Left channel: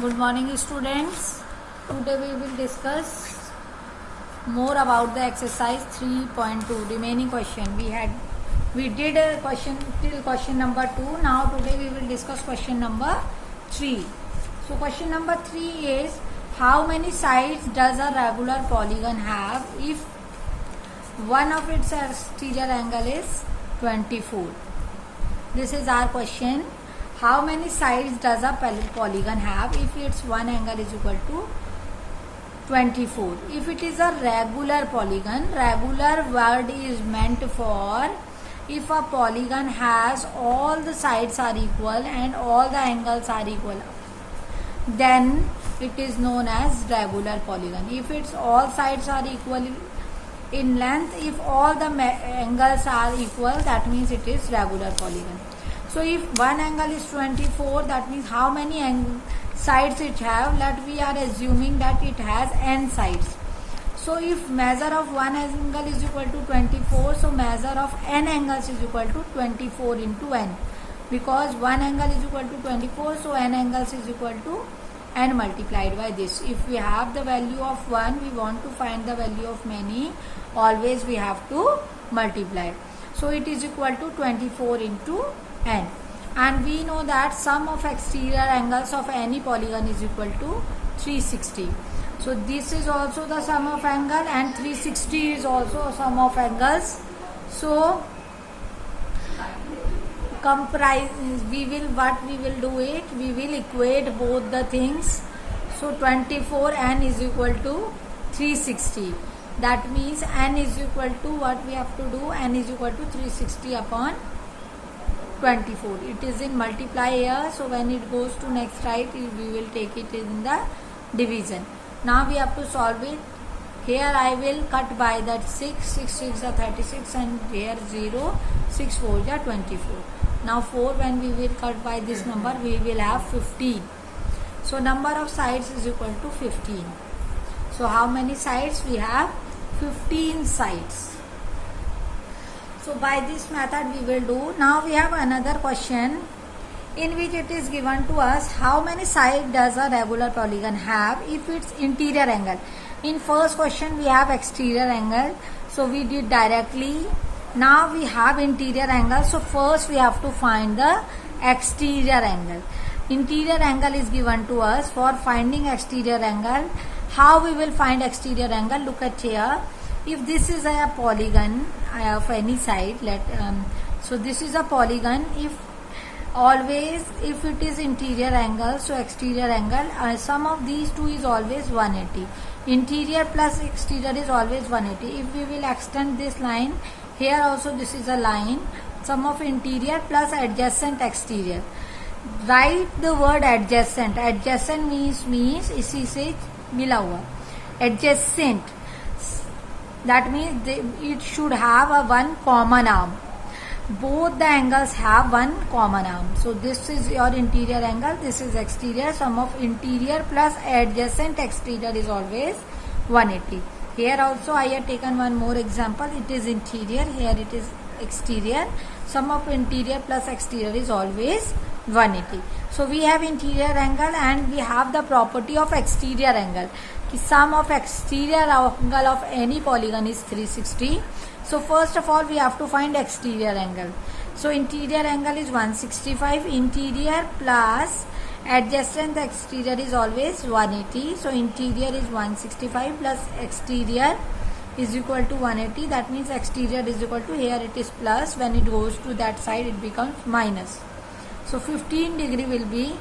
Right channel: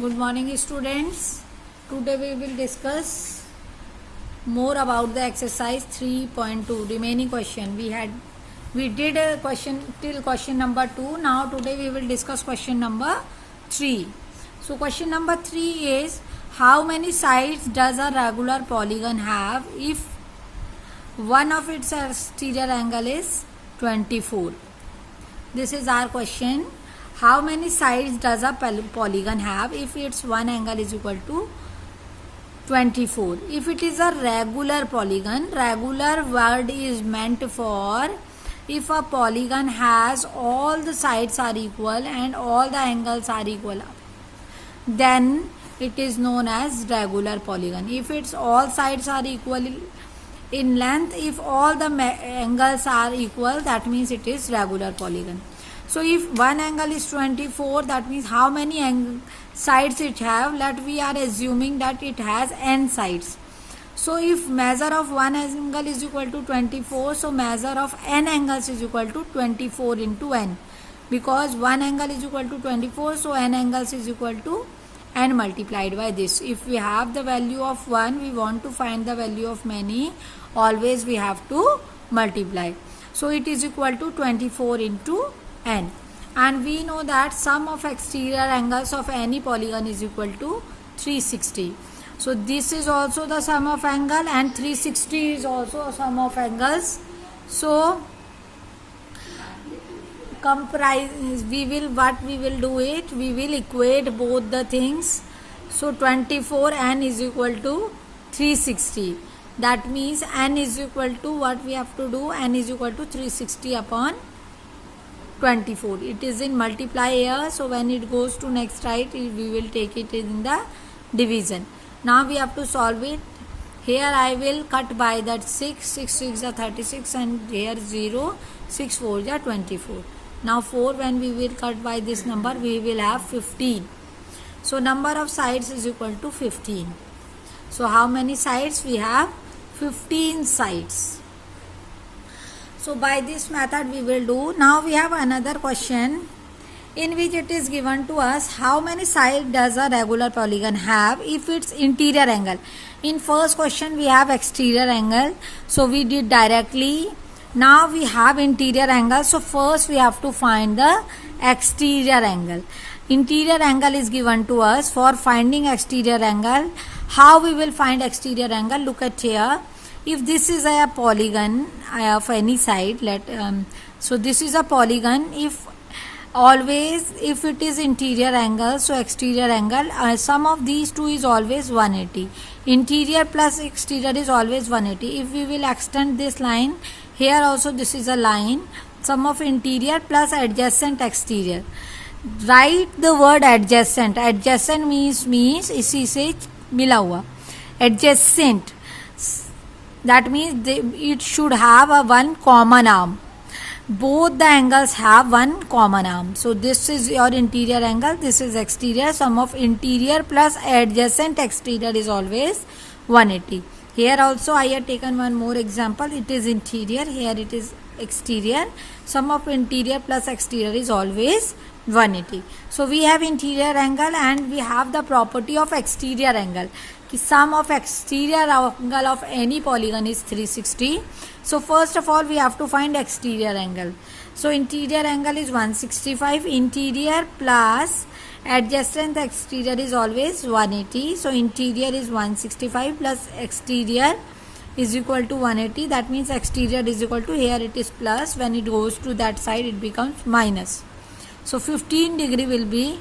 Good morning, students. Today we will discuss more about the exercise 3.2 remaining question. We did a question till question number 2. Now today we will discuss question number 3. So question number 3 is, how many sides does a regular polygon have if one of its exterior angle is 24? This is our question. How many sides does a polygon have if its one angle is equal to 24? If it is a regular polygon, regular word is meant for if a polygon has all the sides are equal and all the angles are equal, then it is known as regular polygon. If its all sides are equal in length, if all the angles are equal, that means it is regular polygon. So if one angle is 24, that means how many sides it have? That we are assuming that it has n sides. So if measure of one angle is equal to 24, so measure of n angles is equal to 24 into n. Because one angle is equal to 24, so n angles is equal to n multiplied by this. If we have the value of 1, we want to find the value of many, always we have to multiply. So it is equal to 24 into n, and we know that sum of exterior angles of any polygon is equal to 360. So this is also the sum of angle and 360 is also a sum of angles. So we will equate both the things. So 24 n is equal to 360. That means n is equal to, what we have to do, n is equal to 360 upon 24. It is in multiply here, so when it goes to next right, we will take it in the division. Now we have to solve it. Here I will cut by that 6 6 is 36, and here 0, 6 4 is 24. Now 4, when we will cut by this number, we will have 15. So number of sides is equal to 15. So how many sides? We have 15 sides. So by this method we will do. Now we have another question in which it is given to us, how many sides does a regular polygon have if its interior angle? In first question we have exterior angle, so we did directly. Now we have interior angle, so first we have to find the exterior angle. Interior angle is given to us. For finding exterior angle, how we will find exterior angle? Look at here. If this is a polygon of any side, so this is a polygon. If it is interior angle, so exterior angle, sum of these two is always 180. Interior plus exterior is always 180. If we will extend this line, here also this is a line, sum of interior plus adjacent exterior. Write the word adjacent. Adjacent means इसी से मिला हुआ. Adjacent, that means it should have a one common arm. Both the angles have one common arm. So this is your interior angle, this is exterior. Sum of interior plus adjacent exterior is always 180. Here also I have taken one more example. It is interior, here it is exterior. Sum of interior plus exterior is always 180. So we have interior angle and we have the property of exterior angle. Sum of exterior angle of any polygon is 360. So first of all we have to find exterior angle. So interior angle is 165. Interior plus adjacent exterior is always 180. So interior is 165 plus exterior is equal to 180. That means exterior is equal to, here it is plus, when it goes to that side it becomes minus. So 15 degree will be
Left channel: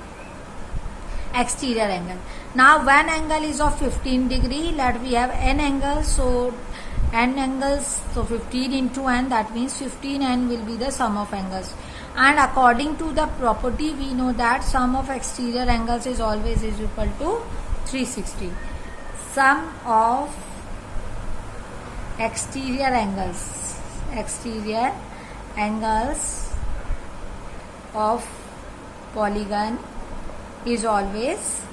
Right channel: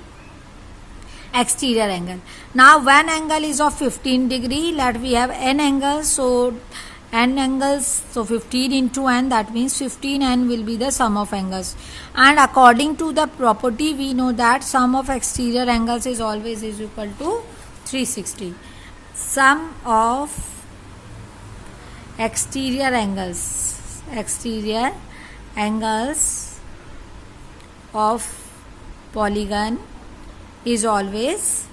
exterior angle. Now one angle is of 15 degree. Let we have n angles, so n angles, so 15 into n, that means 15 n will be the sum of angles. And according to the property we know that sum of exterior angles is always is equal to 360. Sum of exterior angles of polygon is always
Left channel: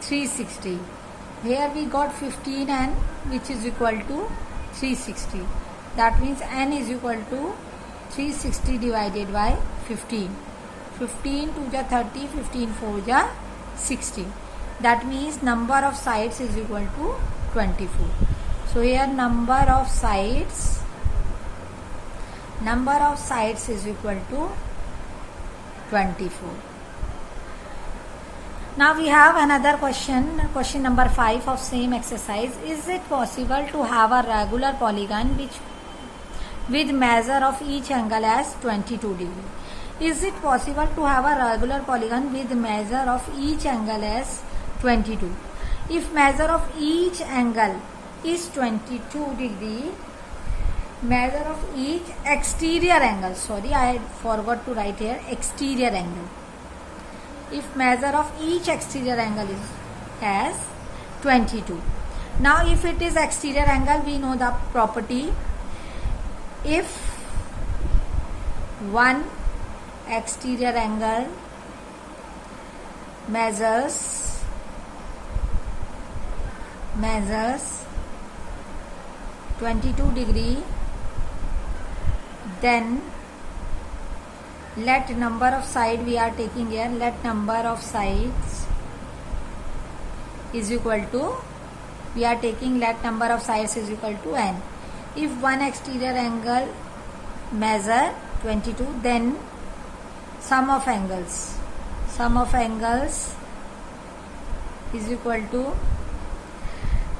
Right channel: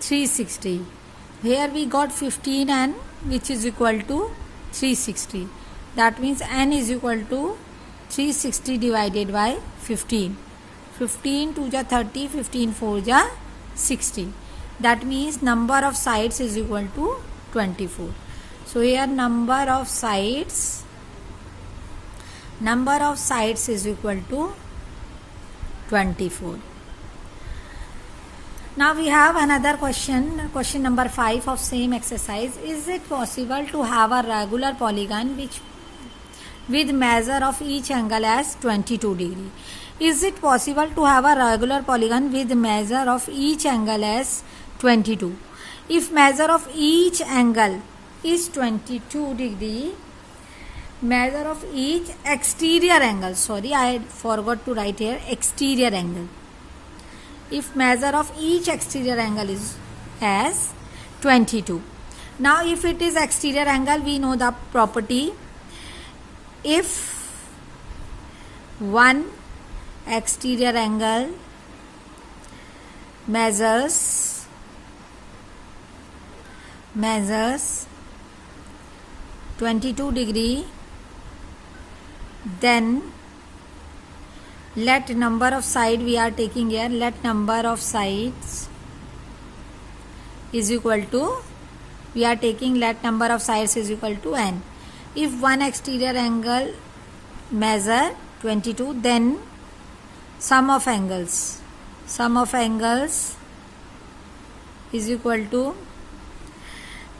360. Here we got 15n, which is equal to 360. That means n is equal to 360 divided by 15. 15 2 ja 30, 15 4 ja 60. that means number of sides is equal to 24. So here number of sides is equal to 24. Now we have another question number 5 of same exercise. Is it possible to have a regular polygon with measure of each angle as 22 degree? Is it possible to have a regular polygon with measure of each angle as 22? If measure of each angle is 22 degree, measure of each exterior angle, sorry I forgot to write here exterior angle. If measure of each exterior angle is as 22. Now if it is exterior angle, we know the property. If one exterior angle measures 22 degree, then let number of side we are taking here, let number of sides is equal to, we are taking let number of sides is equal to n. If one exterior angle measure 22, then sum of angles is equal to,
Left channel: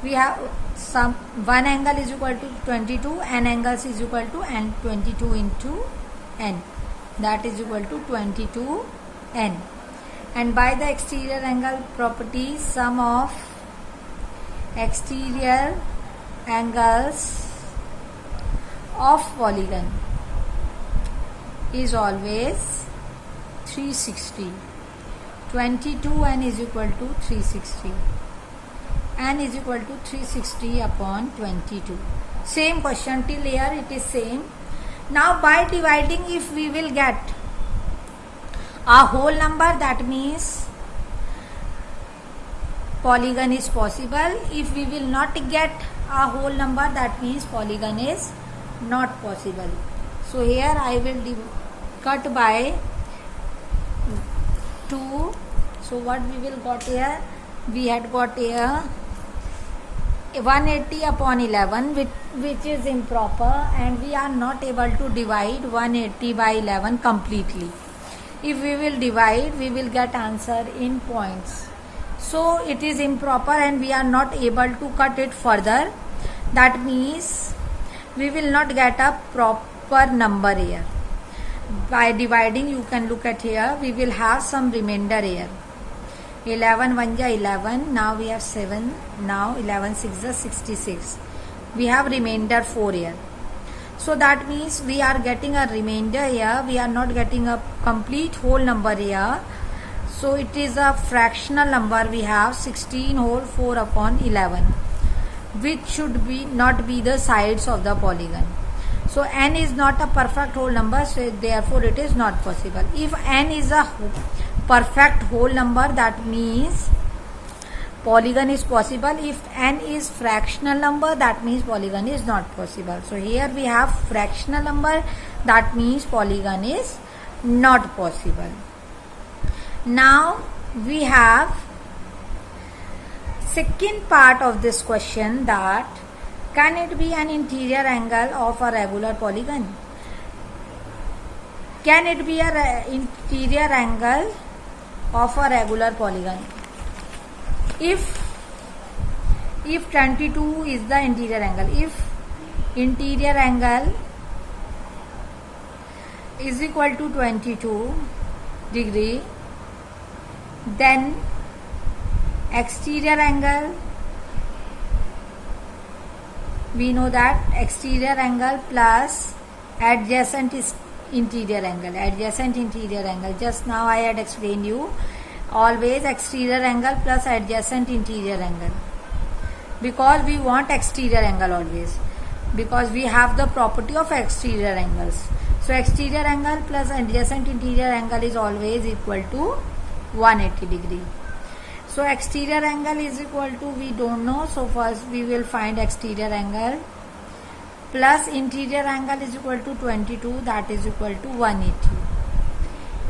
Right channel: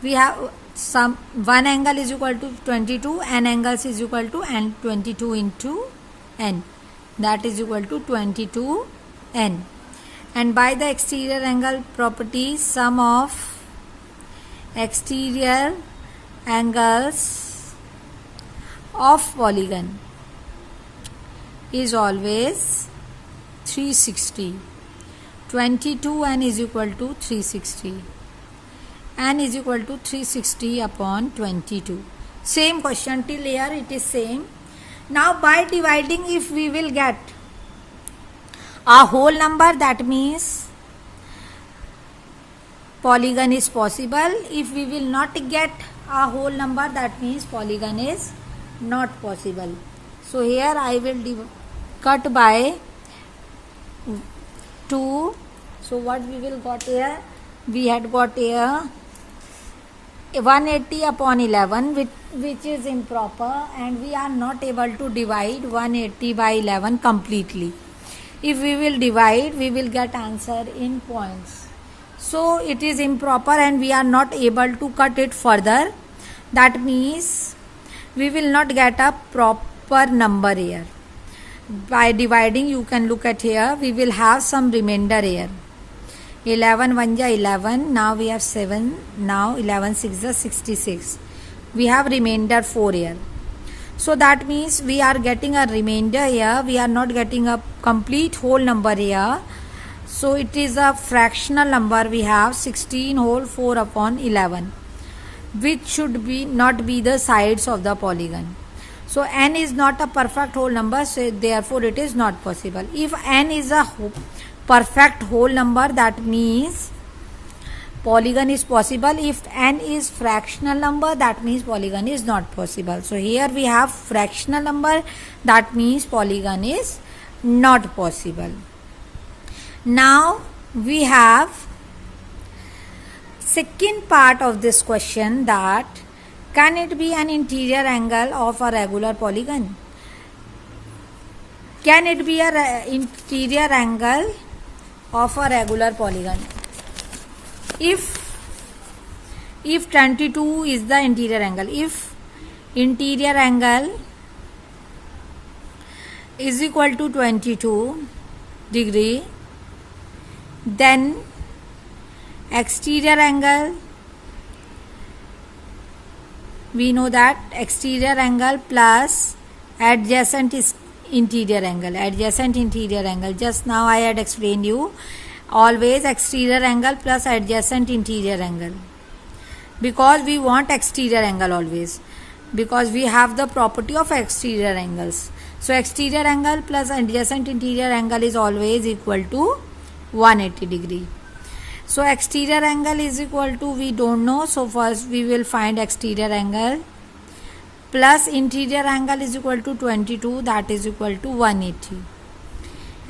we have some one angle is equal to 22, n angles is equal to n, 22 into n, that is equal to 22 n. And by the exterior angle property, sum of exterior angles of polygon is always 360. 22 n is equal to 360. N is equal to 360 upon 22. Same question till here it is same. Now by dividing, if we will get a whole number, that means polygon is possible. If we will not get a whole number, that means polygon is not possible. So here I will cut by 2. So what we will got here? We had got here 180 upon 11, which is improper, and we are not able to divide 180 by 11 completely. If we will divide, we will get answer in points. So it is improper and we are not able to cut it further. That means we will not get a proper number here. By dividing, you can look at here, we will have some remainder here. 11 1 ja 11, now we have 7, now 11 6 ja 66. We have remainder 4 here. So that means we are getting a remainder here, we are not getting a complete whole number here. So it is a fractional number, we have 16 whole 4 upon 11, which should be not be the sides of the polygon. So n is not a perfect whole number, so therefore it is not possible. If n is a perfect whole number, that means polygon is possible. If n is fractional number, that means polygon is not possible. So here we have fractional number, that means polygon is not possible. Now we have second part of this question, that can it be an interior angle of a regular polygon? Can it be an interior angle of a regular polygon? If 22 is the interior angle, if interior angle is equal to 22 degree, then exterior angle, we know that exterior angle plus adjacent is interior angle. Just now I had explained you, always exterior angle plus adjacent interior angle, because we want exterior angle always, because we have the property of exterior angles. So exterior angle plus adjacent interior angle is always equal to 180 degree. So exterior angle is equal to, we don't know, so first we will find exterior angle plus interior angle is equal to 22, that is equal to 180.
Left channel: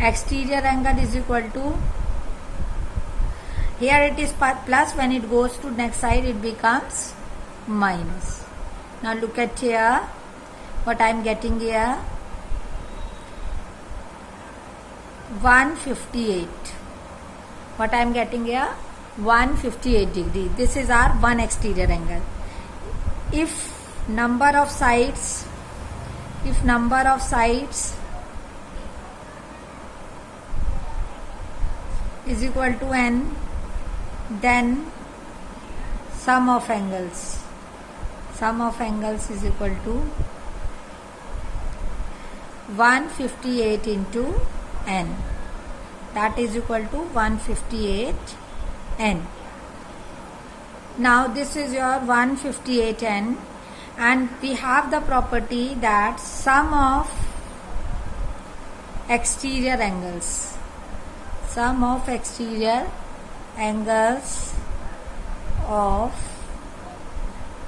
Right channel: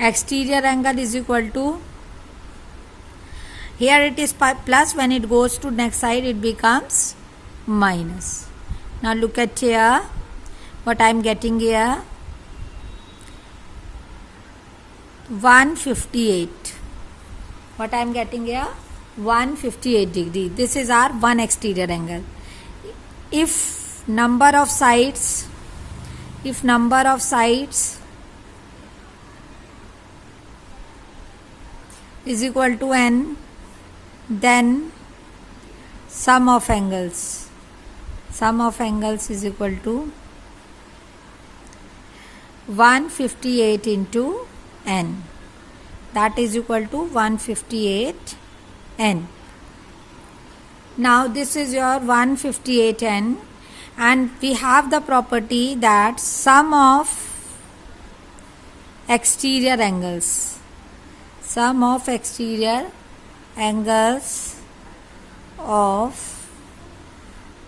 Exterior angle is equal to, here it is plus, when it goes to next side it becomes minus. Now look at here what I am getting here, 158. What I am getting here, 158 degree. This is our one exterior angle. If number of sides is equal to n, then sum of angles is equal to 158 into n, that is equal to 158 n. Now this is your 158 n, and we have the property that sum of exterior angles of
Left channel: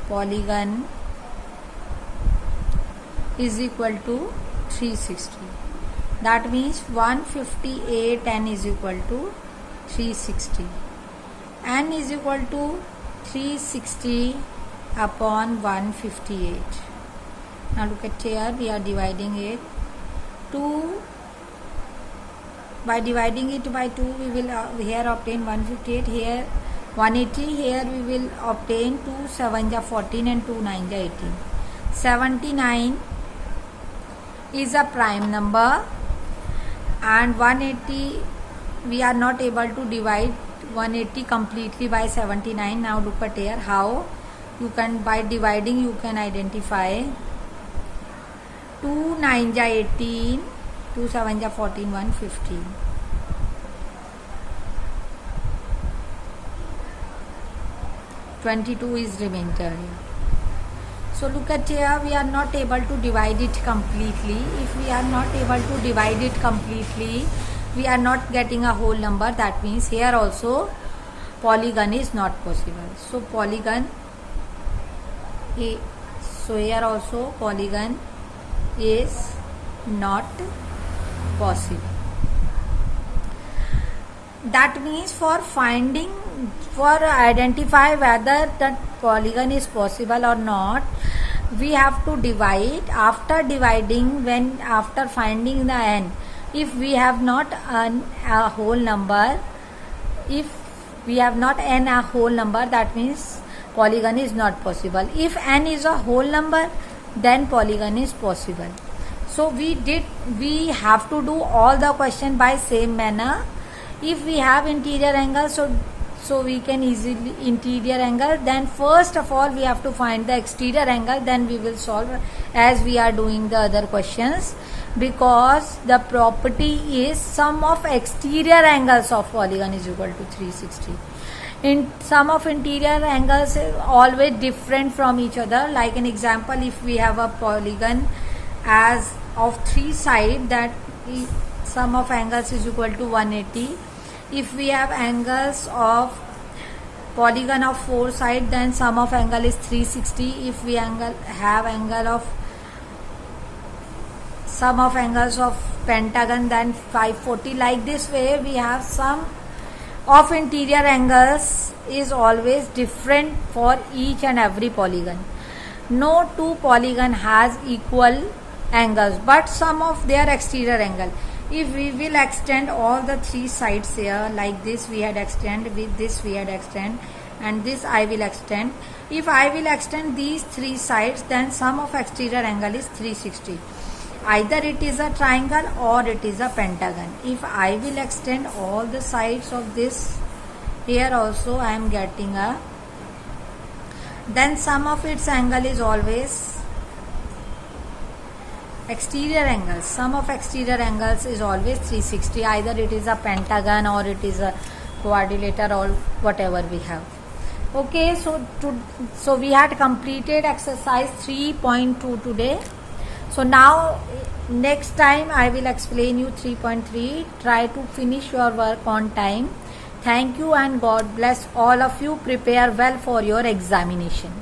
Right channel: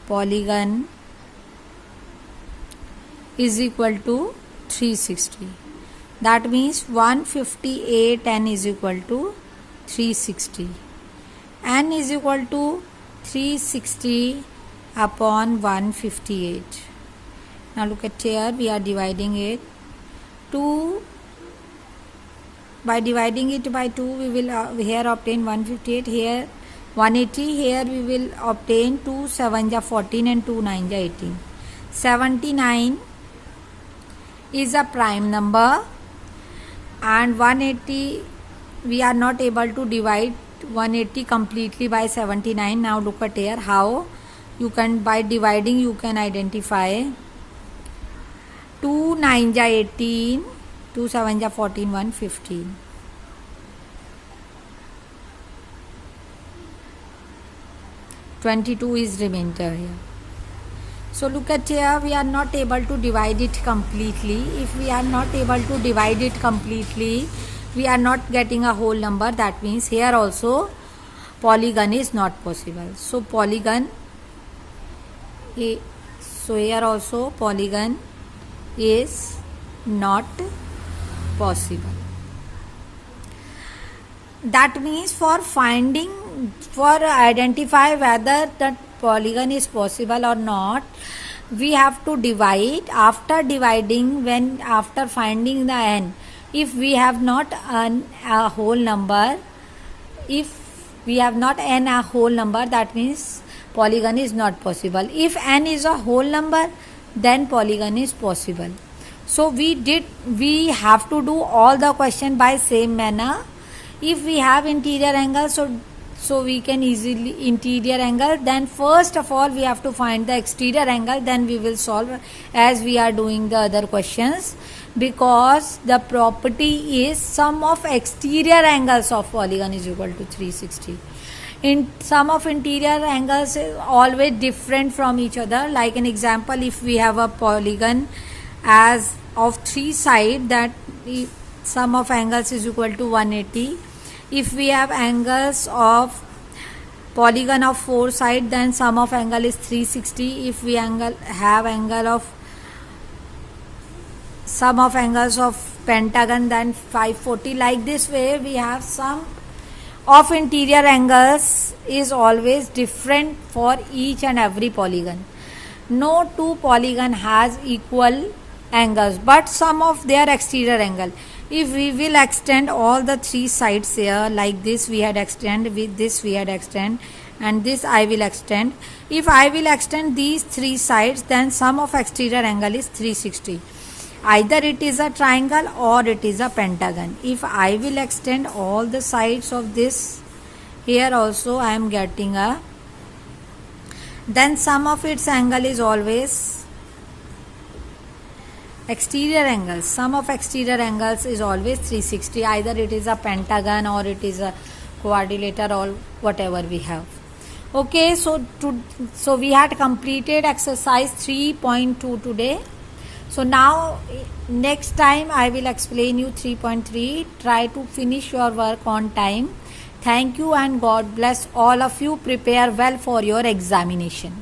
polygon is equal to 360. That means 158 n is equal to 360. N is equal to 360 upon 158. Now look at here, we are dividing it. By dividing it by 2, we will here obtain 158, here 180, here we will obtain 2 7 ja 14 and 2 9 ja 18. 79 is a prime number, and 180 we are not able to divide 180 completely by 79. Now look at here how you can, by dividing you can identify 2 9 ja 18, 2 7 ja 14, 115. 22 is remainder here. So look at here, we are not able to divide it completely. If we are not able to divide it completely, we are not getting a whole number. That means here also polygon is not possible. So here also polygon is not possible. That means for identify whether that polygon is possible or not, we have to divide. After finding the n, if we have not a whole number, that means polygon is not possible. If n is a whole number, then polygon is possible. So we have to do all the question by same manner. If we have interior angle, so we can easily interior angle, then first of all we have to find the exterior angle, then we will solve as we are doing the other questions, because the property is sum of exterior angles of polygon is equal to 360. In sum of interior angles is always different from each other. Like an example, if we have a polygon as of 3 sides, that sum of angles is equal to 180. If we have angles of polygon of 4 sides, then sum of angle is 360. If we have sum of angles of pentagon, then 540. Like this way, we have sum of interior angles is always different for each and every polygon. No two polygon has equal angles, but sum of their exterior angle. If we will extend all the 3 sides here, like this we had extend, with this we had extend, and this I will extend. If I will extend these 3 sides, then sum of exterior angle is 360. Either it is a triangle or it is a pentagon. If I will extend all the sides of this, here also I am getting a, then sum of its angle is always exterior angles. Sum of exterior angles is always 360. Either it is a pentagon or it is a quadrilateral or whatever we have. Okay, so we had completed exercise 3.2 today. So now next time I will explain you 3.3. Try to finish your work on time. Thank you and God bless all of you. Prepare well for your examination.